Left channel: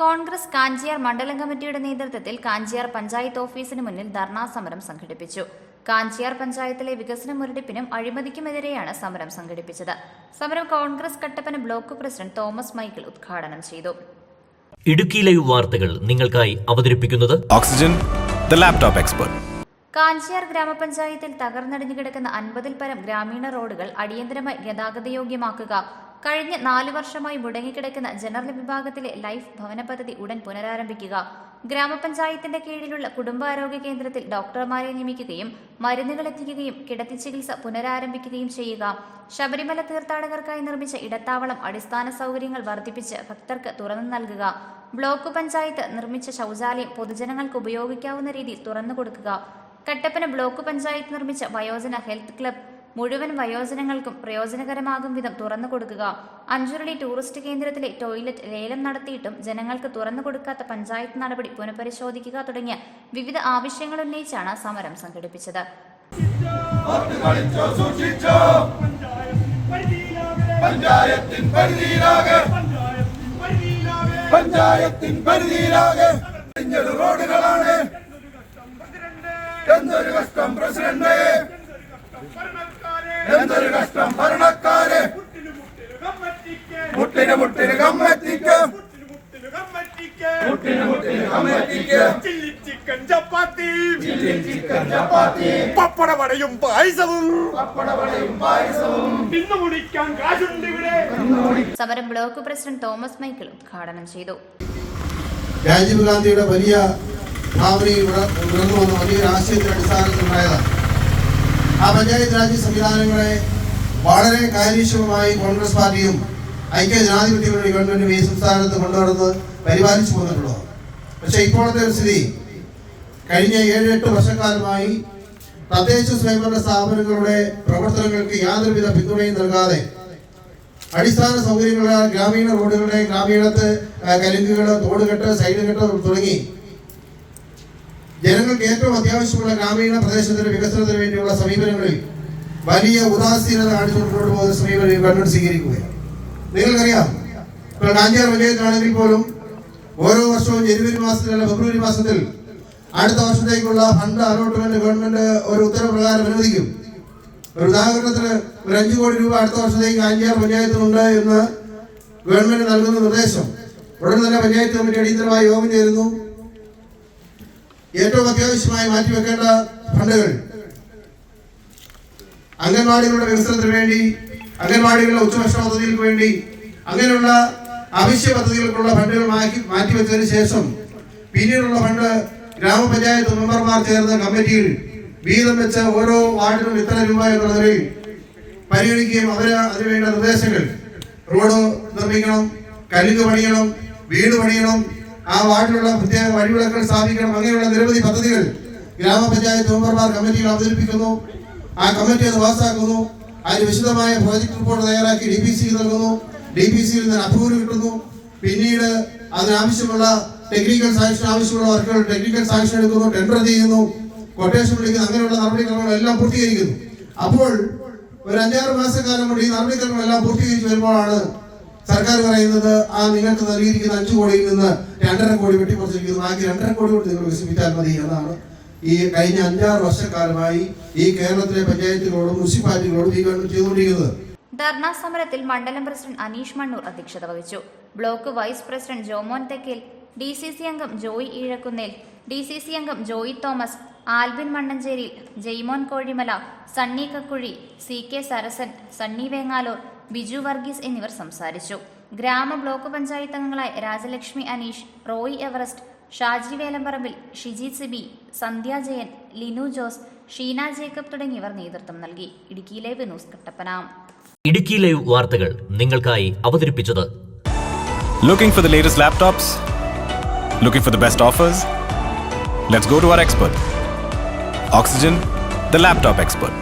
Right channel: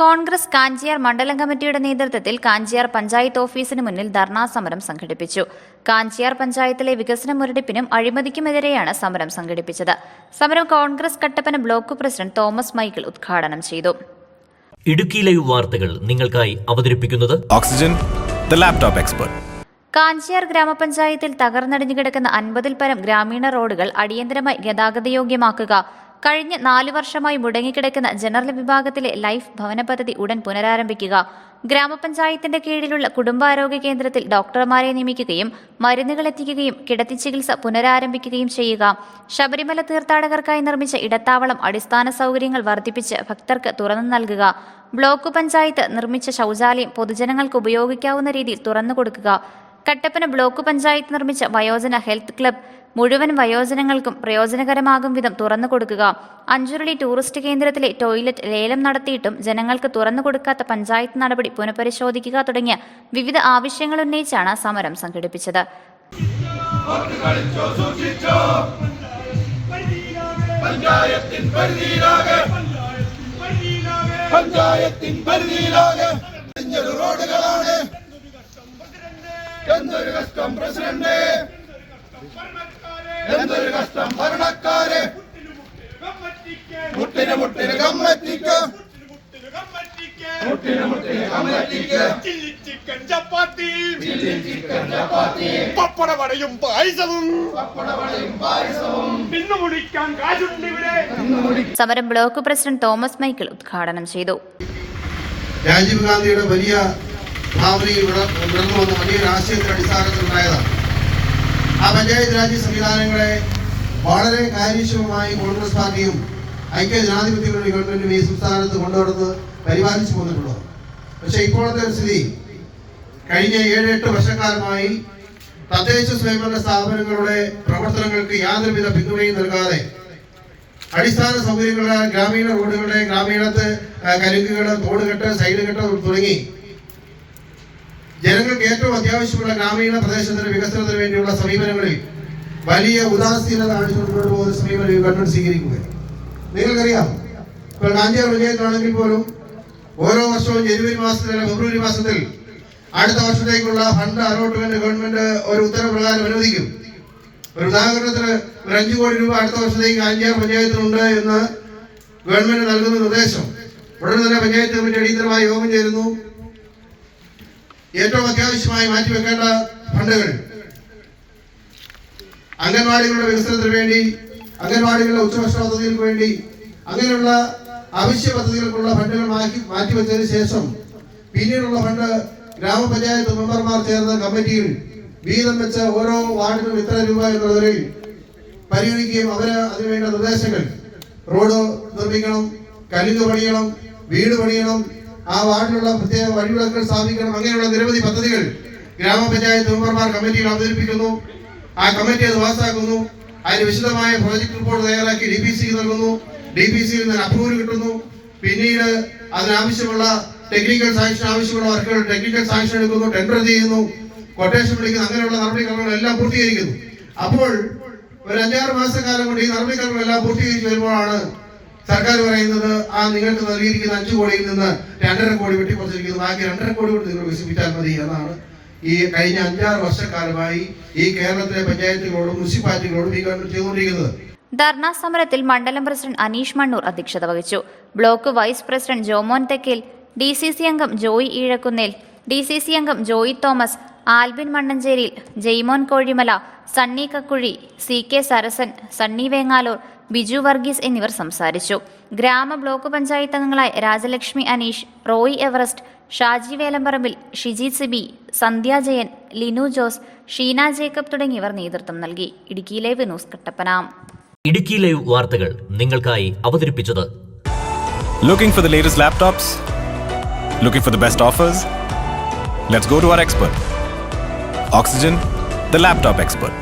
കോൺഗ്രസ് കാഞ്ചിയാർ മണ്ഡലം കമ്മിറ്റിയുടെ നേതൃത്വത്തിൽ കാഞ്ചിയാർ പഞ്ചായത്ത് ഓഫീസിന് മുന്നിൽ ധർണാ സമരം സംഘടിപ്പിച്ചു. കാഞ്ചിയാർ പഞ്ചായത്തിലെ വികസന മുരടിപ്പിനും അഴിമതിക്കുമെതിരെയാണ് സമരം സംഘടിപ്പിച്ചത്. സമരം Congress Kattappana block president Thomas Michael ഉദ്ഘാടനം ചെയ്തു. ഇടുക്കി ലൈവ് വാർത്തകൾ നിങ്ങൾക്കായി അവതരിപ്പിക്കുന്നത് ഓക്സിജൻ ലാപ്ടോപ്പ് എക്സ്പെർട്ട്. കാഞ്ചിയാർ ഗ്രാമപഞ്ചായത്തിൽ തകർന്നടിഞ്ഞു കിടക്കുന്ന അൻപതിൽ പരം ഗ്രാമീണ റോഡുകൾ അടിയന്തരമായി ഗതാഗതയോഗ്യമാക്കുക. കഴിഞ്ഞ നാല് വർഷമായി മുടങ്ങിക്കിടക്കുന്ന ജനറൽ വിഭാഗത്തിലെ ലൈഫ് ഭവന പദ്ധതി ഉടൻ പുനരാരംഭിക്കുക. ഗ്രാമപഞ്ചായത്തിന്റെ കീഴിലുള്ള കുടുംബാരോഗ്യ കേന്ദ്രത്തിൽ ഡോക്ടർമാരെ നിയമിക്കുകയും മരുന്നുകൾ എത്തിക്കുകയും കിടത്തി ചികിത്സ പുനരാരംഭിക്കുകയും ചെയ്യുക. ശബരിമല തീർത്ഥാടകർക്കായി നിർമ്മിച്ച ഇടത്താവളം അടിസ്ഥാന സൗകര്യങ്ങൾ വർദ്ധിപ്പിച്ച് ഭക്തർക്ക് തുറന്നു നൽകുക. ബ്ലോക്ക് പഞ്ചായത്ത് നിർമ്മിച്ച ശൗചാലയം പൊതുജനങ്ങൾക്ക് ഉപയോഗിക്കാവുന്ന രീതിയിൽ തുറന്നു കൊടുക്കുക. കട്ടപ്പന ബ്ലോക്ക് പഞ്ചായത്ത് നിർമ്മിച്ച വയോജന ഹെൽത്ത് ക്ലബ് മുഴുവൻ വയോജനങ്ങൾക്കും പ്രയോജനകരമാകും വിധം തുറന്നു കൊടുക്കുക. അഞ്ചുരുളി ടൂറിസ്റ്റ് കേന്ദ്രത്തിലെ ടോയ്ലറ്റ് ലേലം നടത്തിയിട്ടും ജനങ്ങൾക്ക് തുറന്നു കൊടുക്കാത്ത പഞ്ചായത്ത് നടപടി പുനഃപരിശോധിക്കുക തുടങ്ങിയ വിവിധ ആവശ്യങ്ങൾ ഉന്നയിച്ചാണ് സമരം സംഘടിപ്പിച്ചത്. എന്തൊരു കഷ്ടം പ്രസിഡന്റ് എന്തൊരു കഷ്ടം ഭരണക്കാര് മുട്ടിന് മുട്ടിന് കമ്മറ്റിക്ക്. മുട്ടിന് മുട്ടിന് കമ്മറ്റിക്ക്. Chilli chicken chapati. Chicken chapati. പപ്പടവടയും പായസവും. പപ്പടവടയും പായസവും. ഇന്ന് മുടിക്കാൻ കാശുണ്ട് ഇവിടെ. സമരം ബ്ലോക്ക് പ്രസിഡന്റ് തോമസ് മൈക്കിൾ ഉദ്ഘാടനം ചെയ്തു. രാജീവ് ഗാന്ധിയുടെ വലിയ ഭാവനയിൽ വന്ന വലിയ രാഷ്ട്രീയത്തിന്റെ അടിസ്ഥാനത്തിലുണ്ടായതാണ് ആ പഞ്ചായത്ത് രാജ് സംവിധാനങ്ങളെ വളരെ കാര്യക്ഷമമായി കോൺഗ്രസ് പാർട്ടിയും ഐക്യ ജനാധിപത്യങ്ങളുടെ ഗവൺമെന്റും ഈ സംസ്ഥാനത്ത് കൊണ്ടുവന്ന് പരിപാലിച്ചു വന്നിട്ടുള്ളത് പക്ഷേ ഇപ്പോഴത്തെ ഒരു സ്ഥിതി കഴിഞ്ഞ ഏഴ് എട്ട് വർഷക്കാലമായി തദ്ദേശ സ്വയംഭരണ സ്ഥാപനങ്ങളുടെ പ്രവർത്തനങ്ങൾക്ക് യാതൊരുവിധ പിന്തുണയും നൽകാതെ അടിസ്ഥാന സൗകര്യങ്ങളായ ഗ്രാമീണ റോഡുകളുടെ ഗ്രാമീണത്ത് കലുങ്കുകൾ തോടുകെട്ട് സൈഡ് കെട്ട് തുടങ്ങി ജനങ്ങൾക്ക് ഏറ്റവും അത്യാവശ്യമുള്ള ഗ്രാമീണ പ്രദേശത്തിന്റെ വികസനത്തിന് വേണ്ടിയുള്ള സമീപനങ്ങളിൽ വലിയ ഉദാസീനത കാണിച്ചു മുന്നോട്ട് പോകുന്ന സമീപനം ഗവൺമെന്റ് സ്വീകരിക്കുകയാണ്. നിങ്ങൾക്കറിയാം. ഇപ്പോൾ കാഞ്ചാർ വിജയത്താണെങ്കിൽ പോലും ഓരോ വർഷവും ജനുവരി മാസത്തിൽ അല്ല ഫെബ്രുവരി മാസത്തിൽ അടുത്ത വർഷത്തേക്കുള്ള ഫണ്ട് അലോട്ട്മെന്റ് ഗവൺമെന്റ് ഒരു ഉത്തരപ്രകാരം അനുവദിക്കും. ഒരു ഉദാഹരണത്തിന് ഒരു അഞ്ചു കോടി രൂപ അടുത്ത വർഷത്തേക്ക് അഞ്ചാം പഞ്ചായത്തിനുണ്ട് എന്ന് ഗവൺമെന്റ് നൽകുന്ന നിർദ്ദേശം. ഉടൻ തന്നെ പഞ്ചായത്ത് കമ്മിറ്റി അടിയന്തരമായി യോഗം ചേരുന്നു. ഏറ്റവും അത്യാവശ്യമായി മാറ്റിവെക്കേണ്ട ഫണ്ടുകൾ. അംഗൻവാടികളുടെ വികസനത്തിന് വേണ്ടി അംഗൻവാടികളുടെ ഉച്ചഭക്ഷണ പദ്ധതികൾക്ക് വേണ്ടി അങ്ങനെയുള്ള അവശ്യ പദ്ധതികൾക്കുള്ള ഫണ്ടുകൾ മാറ്റി മാറ്റിവെച്ചതിന് ശേഷം പിന്നീടുള്ള ഫണ്ട് ഗ്രാമപഞ്ചായത്ത് മെമ്പർമാർ ചേർന്ന കമ്മിറ്റിയിൽ വീതം വെച്ച ഓരോ വാർഡിനും ഇത്ര രൂപ എന്നുള്ളതിൽ പരിഗണിക്കുകയും അവർ അതിനുവേണ്ട നിർദ്ദേശങ്ങൾ. റോഡ് നിർമ്മിക്കണം കരിങ്ങ് പണിയണം വീട് പണിയണം ആ വാർഡിലുള്ള പ്രത്യേക വഴിവിളക്കുകൾ സ്ഥാപിക്കണം അങ്ങനെയുള്ള നിരവധി പദ്ധതികൾ ഗ്രാമപഞ്ചായത്ത് മെമ്പർമാർ കമ്മിറ്റിയിൽ അവതരിപ്പിക്കുന്നു. ആ കമ്മിറ്റി അത് പാസ്സാക്കുന്നു അതിന് വിശദമായ പ്രോജക്ട് റിപ്പോർട്ട് തയ്യാറാക്കി ഡി പി സി നൽകുന്നു. ഡി പി സിയിൽ നിന്ന് അപ്രൂവൽ കിട്ടുന്നു. പിന്നീട് അതിനാവശ്യമുള്ള ടെക്നിക്കൽ സാങ്ഷൻ ആവശ്യമുള്ള വർക്കുകൾ ടെക്നിക്കൽ സാങ്ഷൻ എടുക്കുന്നു ടെൻഡർ ചെയ്യുന്നു. കൊട്ടേഷൻ വിളിക്കുന്നു അങ്ങനെയുള്ള നടപടിക്രമങ്ങൾ എല്ലാം പൂർത്തീകരിക്കുന്നു. അപ്പോൾ ഒരു അഞ്ചാറ് മാസം കാലം കൊണ്ട് ഈ നടപടിക്രമങ്ങൾ എല്ലാം പൂർത്തീകരിച്ച് വരുമ്പോഴാണ് സർക്കാർ പറയുന്നത് ആ നിങ്ങൾക്ക് നൽകിയിരിക്കുന്ന അഞ്ചു കോടിയിൽ നിന്ന് രണ്ടര കോടി വെട്ടിക്കുറച്ചിരിക്കുന്നു. ബാക്കി രണ്ടര കോടി കൊണ്ട് നിങ്ങൾ വികസിപ്പിച്ചാൽ മതി എന്നാണ് ഈ കഴിഞ്ഞ അഞ്ചാറ് വർഷക്കാലമായി ഈ കേരളത്തിലെ പഞ്ചായത്തുകളോടും മുനിസിപ്പാലിറ്റികളോടും ഈ ഗവൺമെന്റ് ചെയ്തുകൊണ്ടിരിക്കുന്നത്. ധർണാ സമരത്തിൽ മണ്ഡലം പ്രസിഡന്റ് അനീഷ് മണ്ണൂർ അധ്യക്ഷത വഹിച്ചു. Block vice president Jomon Thekkil D C C അംഗം Joy Eezhakkunnil D C C അംഗം Joy Thomas Albin മണ്ണഞ്ചേരിയിൽ Jaimon Kozhimala Sunny Kakkuzhi C K Sarasan Sunny Vengaloor Biju Varghese എന്നിവർ സംസാരിച്ചു. ഗ്രാമ ബ്ലോക്ക് പഞ്ചായത്ത് അംഗങ്ങളായ Rajalakshmi Aneesh Roy Everest Shaji Velamparambil Shiji Sibi Sandhya Jayan Linu Jose Sheena Jacob തുടങ്ങിയവർ നേതൃത്വം നൽകി. Idukki live news Kattappana. Idukki live വാർത്തകൾ നിങ്ങൾക്കായി അവതരിപ്പിച്ചത് looking for the latest laptops looking for the best offers let's go to our expert oxygen the laptop expert.